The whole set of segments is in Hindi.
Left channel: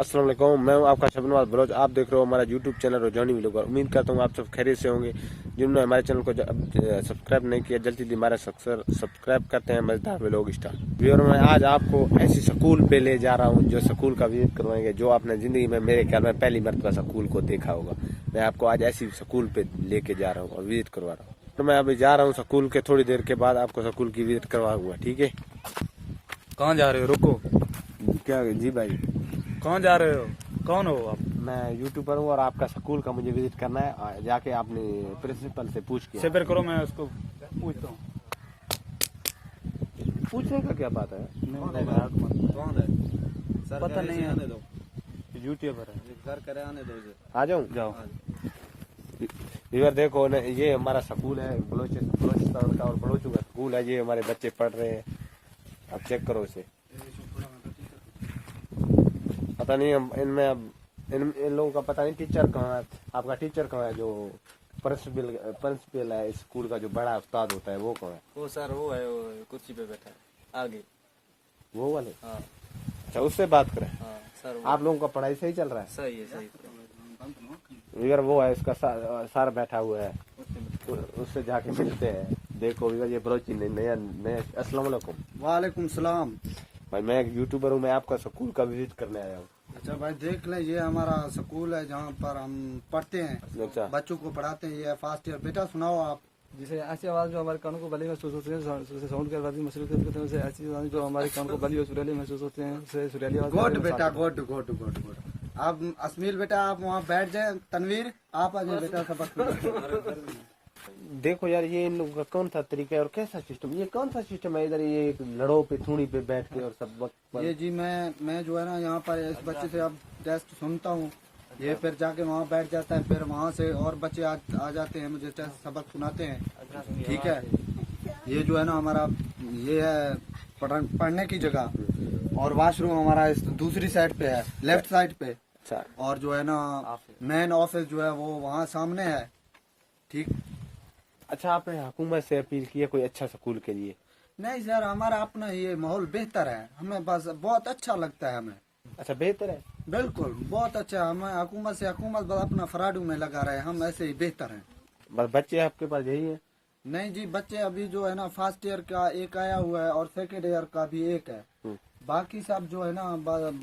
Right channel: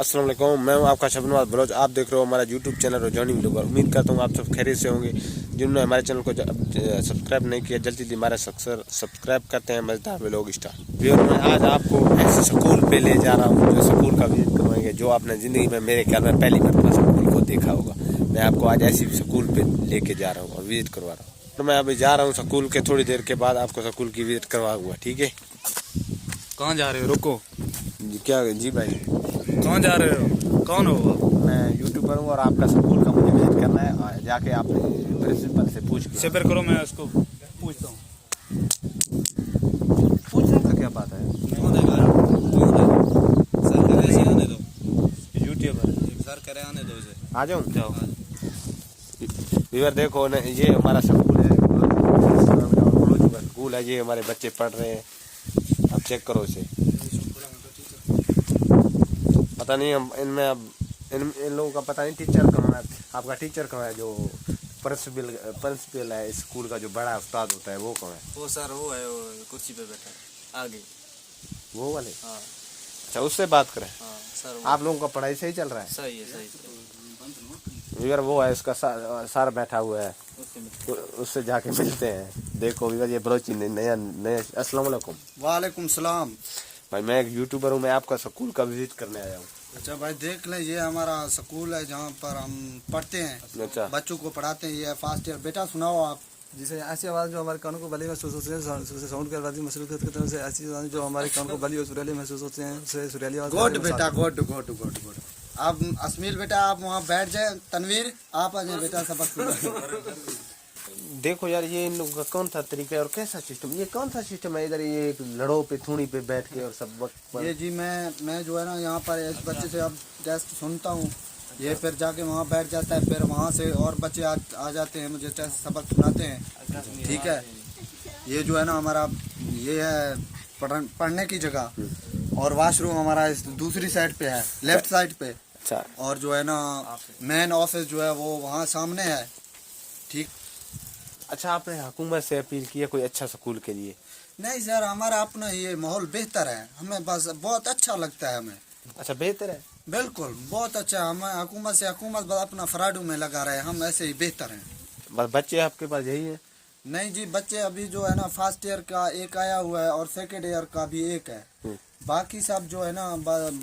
अस्सलाम वालेकुम, मैं हूं आपका शबनवाज बलोच। आप देख रहे हो हमारा यूट्यूब चैनल रोजानी व्लॉगर। उम्मीद करता हूं आप सब खैरियत से होंगे। जिन्होंने हमारे चैनल को सब्सक्राइब नहीं किया, जल्दी जल्दी हमारा सब्सक्राइब करते हैं। मजेदार व्लॉग स्टार व्यूअर, मैं आज आपको ऐसे स्कूल पे ले जा रहा हूं जो स्कूल का विजिट करवाएंगे, जो आपने ज़िंदगी में मेरे ख्याल में पहली मरतबा स्कूल को देखा होगा। मैं आपको आज ऐसी स्कूल पे लेके जा रहा हूँ और विजिट करवा रहा हूँ। तो मैं अभी जा रहा हूँ स्कूल के, थोड़ी देर के बाद आपको स्कूल की विजिट करवाऊंगा, ठीक है। कहाँ जा रहे हो? रुको। क्या जी भाई, कहाँ जा रहे हो? कौन हो आप? मैं यूट्यूबर हूँ और आपका स्कूल का मुझे विजिट करना है। जाके आपने प्रिंसिपल से पूछ के सबर करो, मैं उसको पूछता हूँ। पूछने का क्या बात है। कौन है सर? करे से आने दो। यूट्यूबर है सर करे आने दो इसे। आ जाऊँ? जाओ इधर देखो न, ये हमारा स्कूल है, स्कूल है, ये हमारे बच्चे पढ़ रहे हैं। अब चेक करो इसे। पता नहीं हम इनमें अब इन लोगों का पता नहीं टीचर कहाँ है। आपका टीचर कहाँ है? जो प्रिंसिपल है स्कूल का, जो बड़ा उस्ताद होता है, वो कहाँ है? वो सर वो है, वो कुर्सी पे बैठा है आगे। वो वाले? हाँ अच्छा, उससे बात करें। हाँ सर। आप लोगों का पढ़ाई सही चल रहा है? सही है, सही इधर वो है, इसका सर बैठा हुआ है, तो उससे जाके मिलते हैं। देखो इधर ये बलोची नया नया। अस्सलाम वालेकुम। वालेकुम सलाम। भाई मैं एक यूट्यूबर हूँ, मैं आपका स्कूल का विजिट करने आया हूँ। अच्छा भाई देख लें, ये हमारा स्कूल है जहाँ पर हम पढ़ते हैं, अच्छा, बच्चों को पढ़ाते हैं। ये फर्स्ट ईयर। बेटा सुनाओ आप। जिसे ऐसी आवाज़ जो हमारे कानों को भली महसूस होती है, साउंड कर वाली महसूस करते हैं, उसे ऐसी आवाज़ जो हमारे कानों को भली और सुरीली महसूस होते हैं, उसे सुरीली आवाज़ गुड बेटा, गुड गुड गुड गुड। आप अस्मील बेटा, आप वहाँ बैठ जाए। तनवीर आप आ जाए बेटा, सबक। देखो यार, ये इन लोगों का कौन सा तरीका है और कैसा सिस्टम, ये कौन सा सिस्टम है? इधर ये लड़ो पे थूणी पे बैठ के और सब वक्त ये जी मैं जो है ना यहाँ पर इस बच्चे से अब टेस्ट सुनता हूँ, ये फिर जाके वहाँ बैठ जाता है, फिर वहाँ से और बच्चे आ जाते हैं, मुझे टेस्ट सबक सुनाते हैं, ठीक है। ये जो है ना हमारा, ये है पढ़ने की जगह, और वॉशरूम हमारा इस दूसरी साइड पे है, लेफ्ट साइड पे। अच्छा, और जो है ना मेन ऑफिस जो है वो वहाँ सामने है, ठीक। अच्छा, आपने हुकूमत से अपील की है कोई अच्छा स्कूल के लिए? नहीं सर, हमारा अपना ये माहौल बेहतर है, हमें बस बहुत अच्छा लगता है हमें। अच्छा, बेहतर है। बिल्कुल बहुत अच्छा। हम हुकूमत बस अपना फराडू में लगा रहे हैं, हम ऐसे ही बेहतर हैं। बस बच्चे आपके पास यही है? नहीं जी, बच्चे अभी जो है ना फर्स्ट ईयर का एक आया हुआ है और सेकेंड ईयर का भी एक है। बाकी सब जो है ना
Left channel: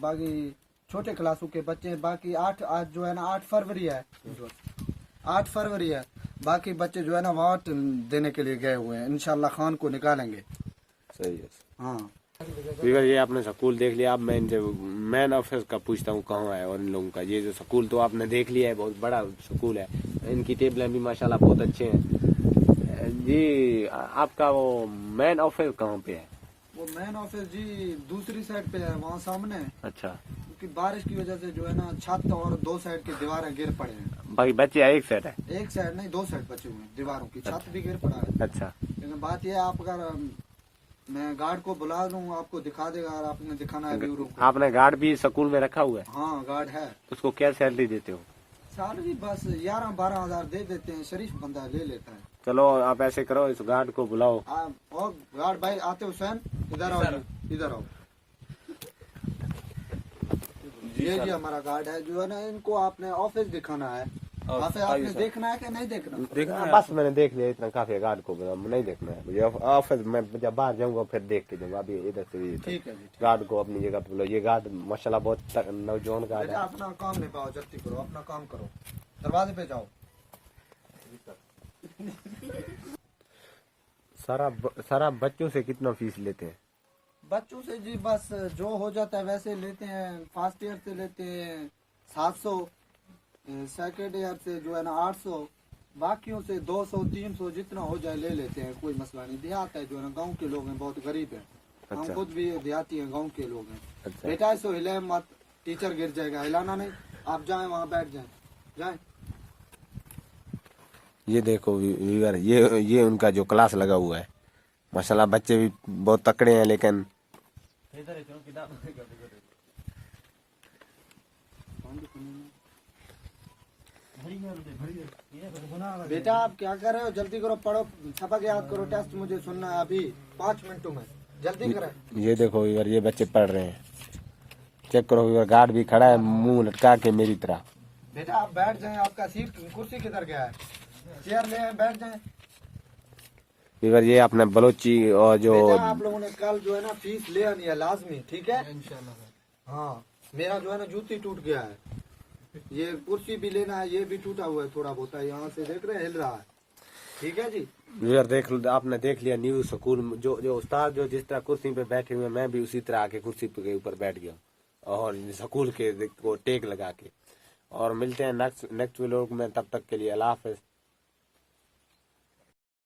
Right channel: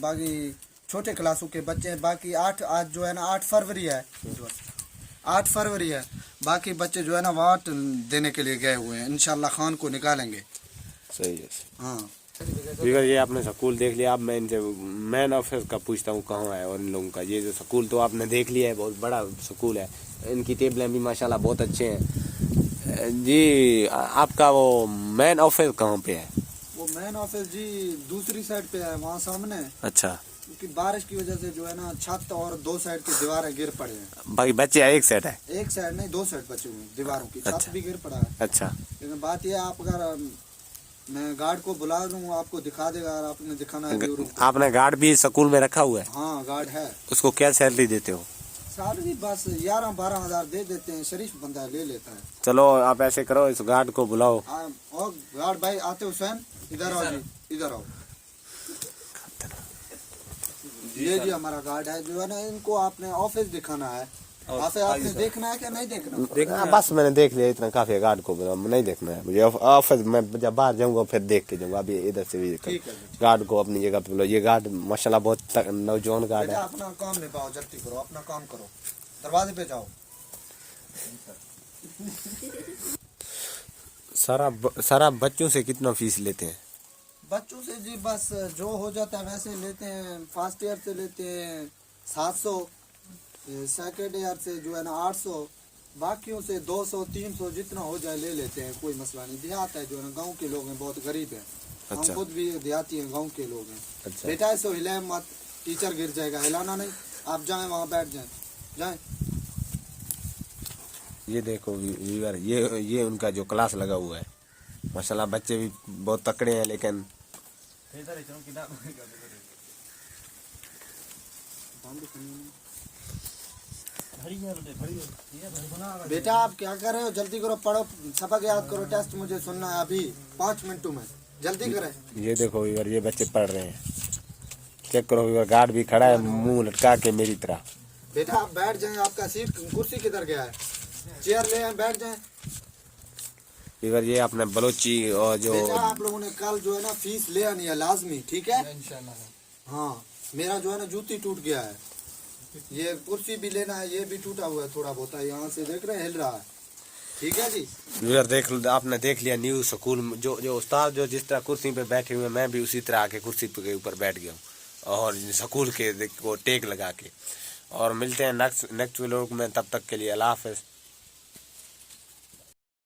बाकी छोटे क्लासों के बच्चे हैं। बाकी आज जो है ना 8 फरवरी है, 8 फरवरी है। बाकी बच्चे जो है ना वोट देने के लिए गए हुए हैं, इंशाल्लाह खान को निकालेंगे। सही है। हाँ बिगर ये आपने स्कूल देख लिया, अब मैं इनसे मैन ऑफिस का पूछता हूँ कहाँ है। और इन लोगों का ये जो स्कूल तो आपने देख लिया है, बहुत बड़ा स्कूल है, इनकी टेबलें भी माशाल्लाह बहुत अच्छे हैं जी। आपका वो मैन ऑफिस कहाँ पे है? वो मेन ऑफिस जी दूसरी साइड पे है, वहाँ सामने। अच्छा, क्योंकि बारिश की वजह से जो है ना छत और 2 साइड की दीवारें गिर पड़े हैं। बाकी बच्चे एक सेट है? एक साइड नहीं, 2 साइड बचे हुए हैं दीवारों की। अच्छा। छत भी गिर पड़ा है। अच्छा, लेकिन बात यह है, आप अगर मैं गार्ड को बुला दूँ, आपको दिखा देगा। और आपने दिखाना है ब्यूरो को। आपने गार्ड भी स्कूल में रखा हुआ है? हाँ गार्ड है। उसको क्या सैलरी देते हो? सैलरी बस 11-12 हजार दे देते हैं, शरीफ बंदा ले लेता है। चलो आप ऐसे करो, इस गार्ड को बुलाओ। और गार्ड भाई आते हुसैन, इधर आओ जी, इधर आओ। ये जी हमारा गार्ड है, जो है ना इनको आपने ऑफिस दिखाना है। आपने देखना है कि नहीं देखना? बस मैंने देख लिया, इतना काफी है। गार्ड को नहीं देखना है मुझे। ऑफिस में जब बाहर जाऊंगा फिर देख के जाऊंगा। अभी इधर से भी ठीक है। गार्ड को अपनी जगह पे बुलाओ। ये गार्ड माशाल्लाह बहुत नौजवान गार्ड है। अपना काम निभाओ, जल्दी करो, अपना काम करो, दरवाजे पे जाओ। सारा बच्चों से कितना फीस लेते हैं? बच्चों से जी बस जो हो जाता है वैसे लेते हैं। फर्स्ट ईयर से लेते हैं 700, सेकेंड ईयर से जो है ना 800, बाकियों से 200-300 जितना हो जाए ले लेते हैं, कोई मसला नहीं। देहात है जो है ना, गांव के लोग हैं, बहुत गरीब है। अच्छा। हम खुद भी देहाती हैं, गांव के लोग हैं। अच्छा। बेटा ऐसे हिले मत, टीचर गिर जाएगा, हिलाना नहीं। आप जाएं वहाँ बैठ जाएं। ये देखो वीवर, ये उनका जो क्लास लगा हुआ है, माशाल्लाह बच्चे भी बहुत तकड़े हैं। लेकिन बेटा आप क्या कर रहे हो? जल्दी करो, पढ़ो, सबक याद करो, टेस्ट मुझे सुनना है अभी 5 मिनटों में, जल्दी करें। ये देखो वीवर, ये बच्चे पढ़ रहे हैं, चेक करो, गार्ड भी खड़ा है मुंह लटका के मेरी तरह। बेटा आप बैठ जाएं, आपका सीट कुर्सी किधर गया है, चेयर ले आए बैठ जाएं। इधर ये अपने बलोची और जो बेटा आप लोगों ने कल जो है ना फीस ले आनी है लाजमी, ठीक है इंशाल्लाह। हाँ मेरा जो है ना जूती टूट गया है, ये कुर्सी भी लेना है, ये भी टूटा हुआ है थोड़ा बहुत, यहाँ से देख रहे हैं हिल रहा है, ठीक है जी। इधर देख लो, आपने देख लिया न्यू स्कूल जो जो उस्ताद जो जिस तरह कुर्सी पे बैठे हुए, मैं भी उसी तरह आके कुर्सी के ऊपर बैठ गया हूँ और स्कूल के को टेक लगा के। और मिलते हैं नेक्स्ट व्लॉग में, तब तक के लिए अल्लाह हाफ़िज़।